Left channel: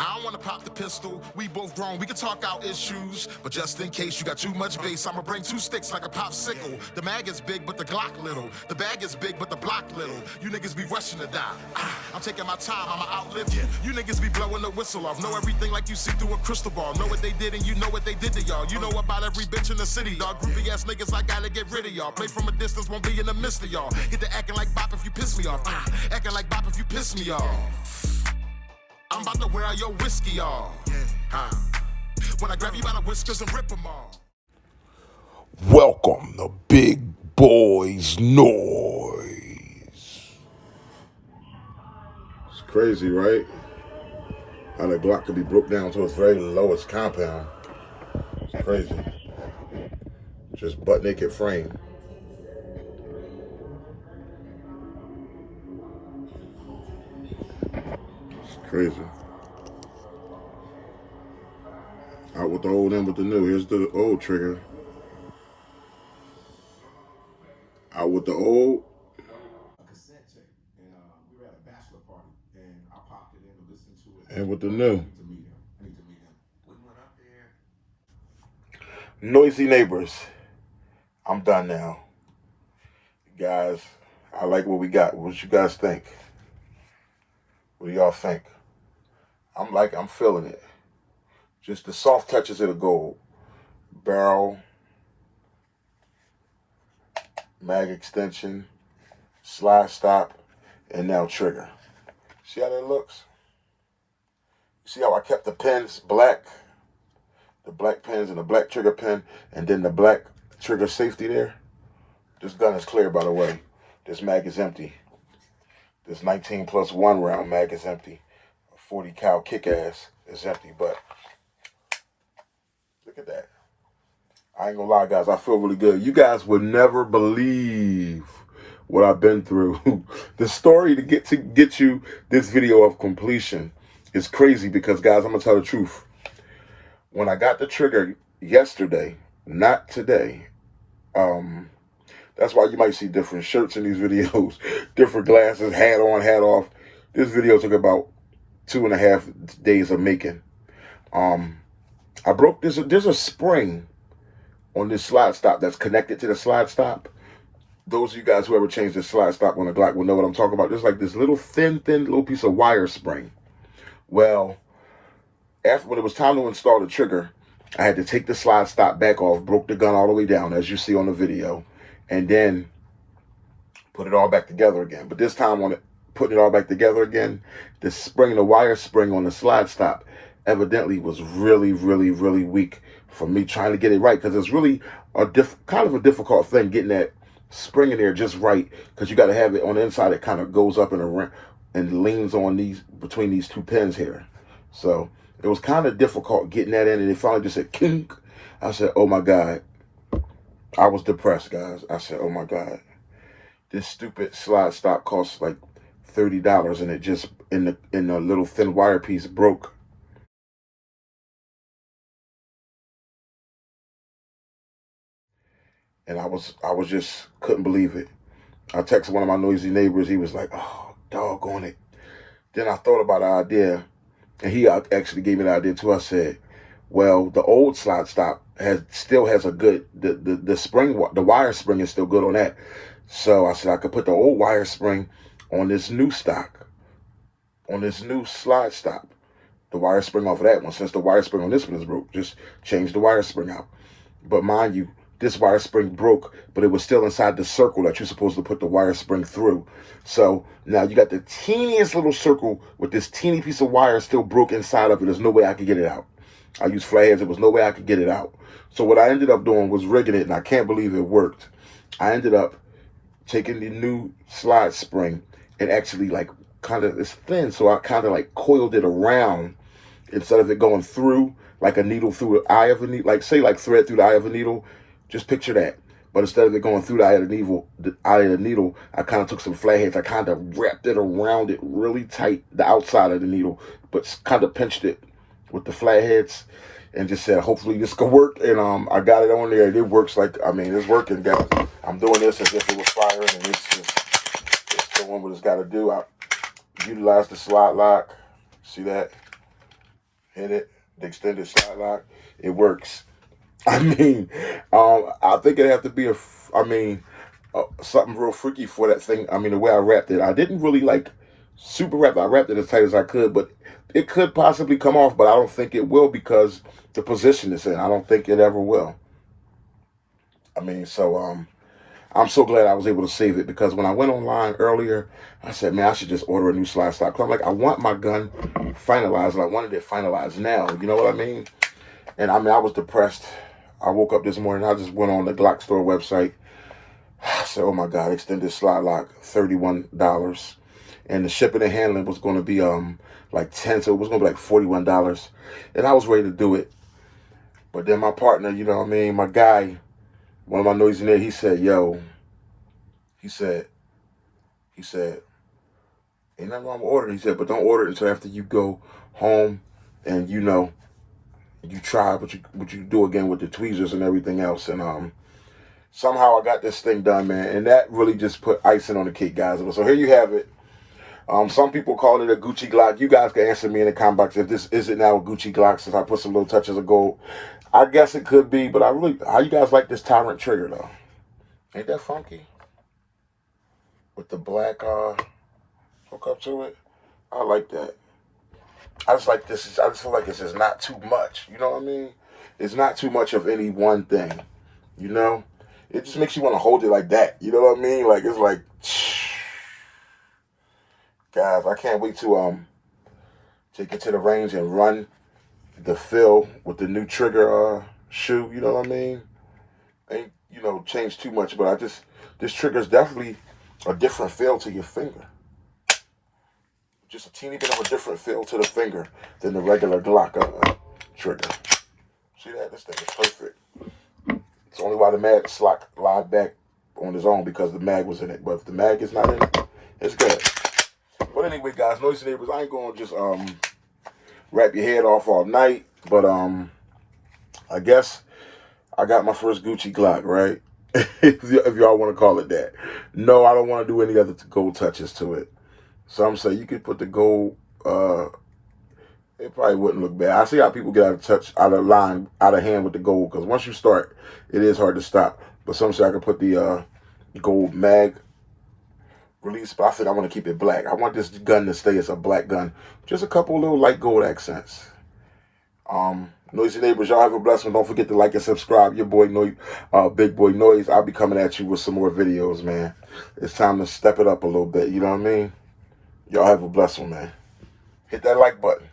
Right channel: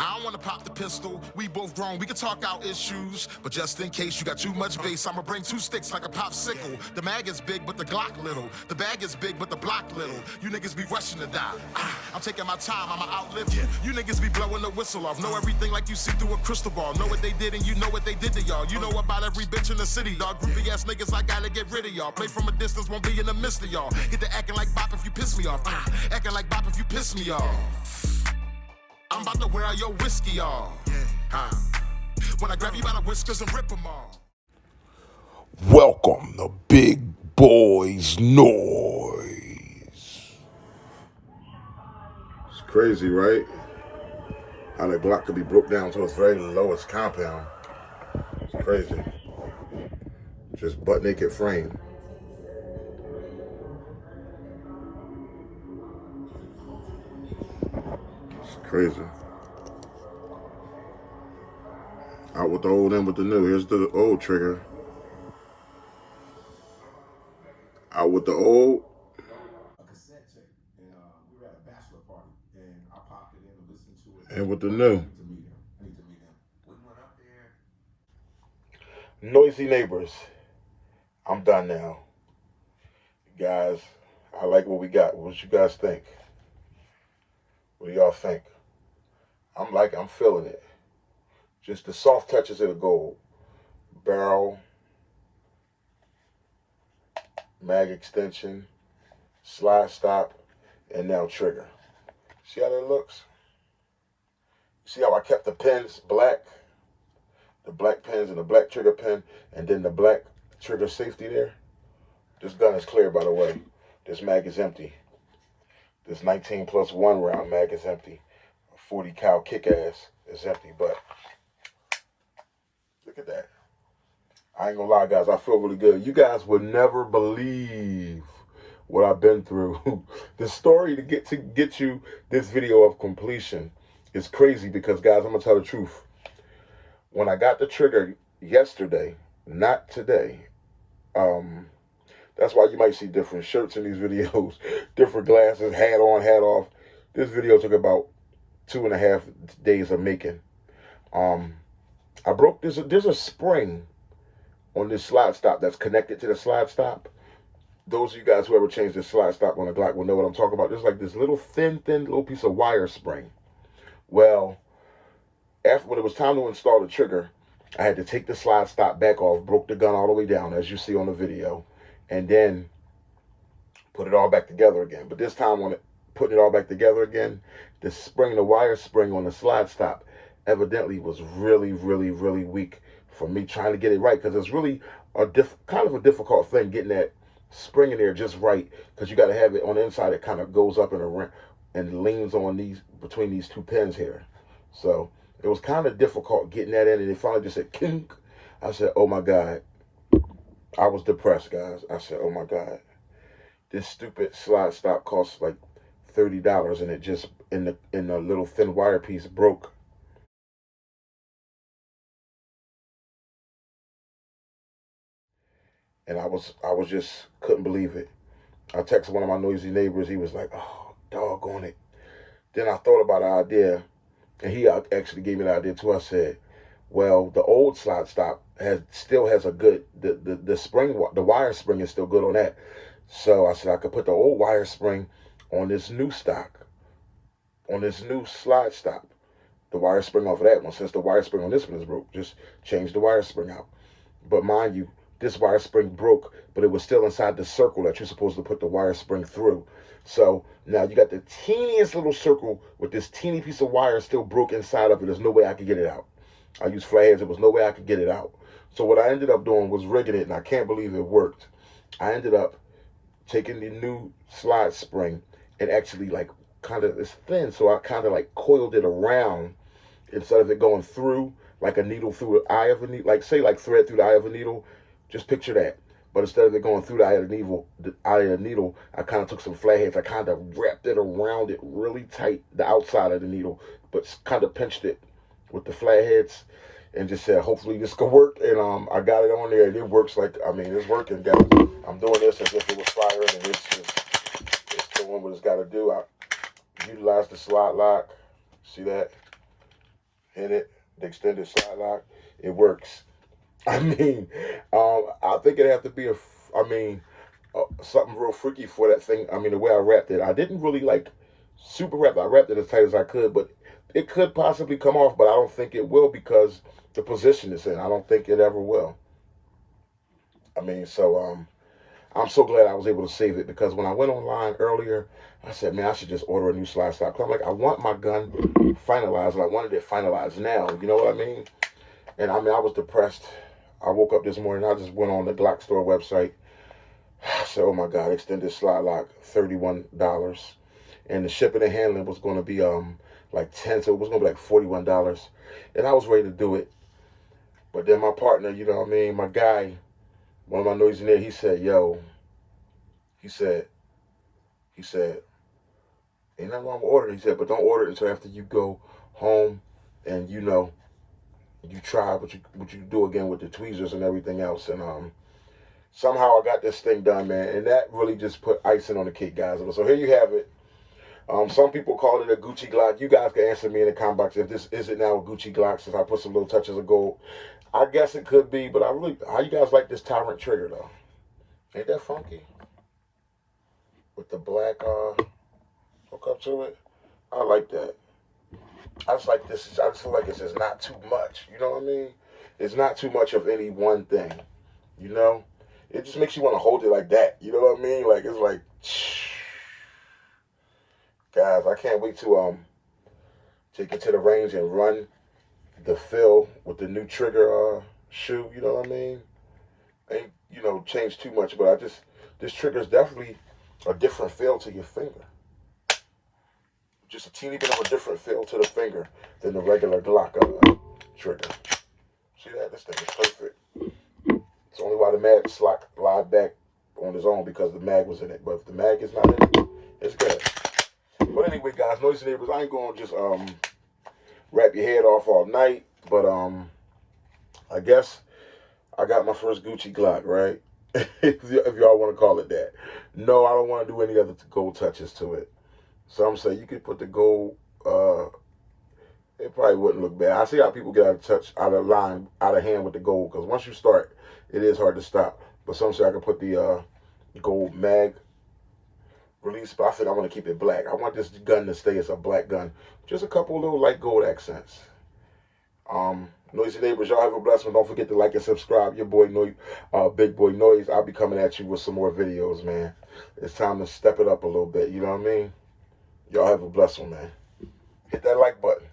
I don't wanna pop the pistol, we both grown, we can talk out issues. But just in case you got too much bass, I'ma bring 2 sticks like a popsicle. The mag is big, but the Glock little. The bag is big, but the block little. You niggas be rushing to die. I'm taking my time, I'ma outlive you. You niggas be blowing the whistle off. Know everything like you see through a crystal ball. Know what they did and you know what they did to y'all. You know about every bitch in the city, dog. Groupie ass niggas, I gotta get rid of y'all. Play from a distance, won't be in the midst of y'all. Get to acting like bop if you piss me off. Acting like bop if you piss me off. I'm about to wear out your whiskey off. When I grab you by the whiskers and rip them off. Welcome to Big Boy's Noise. It's crazy, right? How the Glock could be broke down to its very lowest compound. It's crazy. Just butt naked frame. It's crazy. Out with the old, in with the new. Here's the old trigger. Out with the old. And with the new. Noisy neighbors. I'm done now. Guys, I like what we got. What you guys think? What do y'all think? I'm feeling it. Just the soft touches of the gold. Barrel, mag extension, slide stop, and now trigger. See how that looks? See how I kept the pins black? The black pins and the black trigger pin, and then the black trigger safety there. This gun is clear, by the way. This mag is empty. This 19+1 round mag is empty. 40 cal kick-ass is empty, but look at that. I ain't gonna lie, guys, I feel really good. You guys would never believe what I've been through. The story to get you this video of completion is crazy because, guys, I'm gonna tell the truth. When I got the trigger yesterday, not today, that's why you might see different shirts in these videos, different glasses, hat on, hat off. This video took about 2.5 days of making. I broke this. There's a spring on this slide stop that's connected to the slide stop. Those of you guys who ever changed the slide stop on a Glock will know what I'm talking about. There's like this little thin little piece of wire spring. Well, when it was time to install the trigger, I had to take the slide stop back off, broke the gun all the way down, as you see on the video, and then put it all back together again. But this time, on putting it all back together again, the spring, the wire spring on the slide stop, evidently was really weak for me trying to get it right, because it's really kind of a difficult thing getting that spring in there just right, because you got to have it on the inside. It kind of goes up and leans on between these two pins here. So it was kind of difficult getting that in, and it finally just said kink. I said, oh my God. I was depressed, guys. I said, oh my God. This stupid slide stop costs like $30, and it just in the little thin wire piece broke. And I was just couldn't believe it. I texted one of my noisy neighbors. He was like, oh, doggone it. Then I thought about an idea, and he actually gave me the idea too. I said, well, the old slide stop still has a good, the spring, the wire spring is still good on that. So I said I could put the old wire spring on this new stock, on this new slide stop. The wire spring off of that one, since the wire spring on this one is broke, just change the wire spring out. But mind you, this wire spring broke, but it was still inside the circle that you're supposed to put the wire spring through. So now you got the teeniest little circle with this teeny piece of wire still broke inside of it. There's no way I could get it out. I used flatheads. There was no way I could get it out. So what I ended up doing was rigging it, and I can't believe it worked. I ended up taking the new slide spring and actually it's thin, so I kind of like coiled it around instead of it going through like a needle through the eye of a needle, like thread through the eye of a needle. Just picture that. But instead of it going through the eye of the needle, I kind of took some flatheads. I kind of wrapped it around it really tight, the outside of the needle, but kind of pinched it with the flatheads, and just said, hopefully this could work. And I got it on there. It works it's working, guys. I'm doing this as if it was firing, and it's doing what it's got to do. I utilized the slide lock. See that? hit it, the extended slide lock, it works. I mean, I think it'd have to be something real freaky for that thing. I mean, the way I wrapped it, I didn't really like super wrap it. I wrapped it as tight as I could, but it could possibly come off, but I don't think it will because the position it's in. I don't think it ever will. I mean, so I'm so glad I was able to save it because when I went online earlier, I said, man, I should just order a new slide stop. Cause I'm like, I want my gun finalized, and I wanted it finalized now. You know what I mean? And I mean, I was depressed. I woke up this morning, I just went on the GLock store website. I said, oh my God, extended slide lock, $31. And the shipping and handling was going to be like 10, so it was going to be like $41. And I was ready to do it. But then my partner, you know what I mean, my guy, one of my noisy neighbors, he said, yo, he said, ain't nothing wrong with ordering. He said, but don't order it until after you go home and you try what you do again with the tweezers and everything else. And somehow I got this thing done, man. And that really just put icing on the cake, guys. So here you have it. Some people call it a Gucci Glock. You guys can answer me in the comment box if this is it now a Gucci Glock since I put some little touches of gold. I guess it could be, but how you guys like this Tyrant trigger though? Ain't that funky? With the black hook up to it. I like that. I just like this. I just feel like it's just not too much. You know what I mean? It's not too much of any one thing. You know? It just makes you want to hold it like that. You know what I mean? Like, it's like, guys, I can't wait to take it to the range and run the fill with the new trigger shoe. You know what I mean? Ain't, changed too much, but this trigger is definitely a different feel to your finger. Just a teeny bit of a different feel to the finger than the regular GLock trigger. See that? This thing is perfect. It's only why the mag slide back on his own because the mag was in it. But if the mag is not in it, it's good. But anyway, guys, noisy neighbors, I ain't gonna just wrap your head off all night. But I guess I got my first Gucci GLock, right? if y'all want to call it that. No, I don't want to do any other gold touches to it. Some say you could put the gold, it probably wouldn't look bad. I see how people get out of line, out of hand with the gold, because once you start, it is hard to stop. But some say I could put the gold mag release, but I think I want to keep it black. I want this gun to stay as a black gun. Just a couple little light gold accents. Noisy neighbors, y'all have a blessed one. Don't forget to like and subscribe. Your boy, Big Boy Noise. I'll be coming at you with some more videos, man. It's time to step it up a little bit. You know what I mean? Y'all have a blessed one, man. Hit that like button.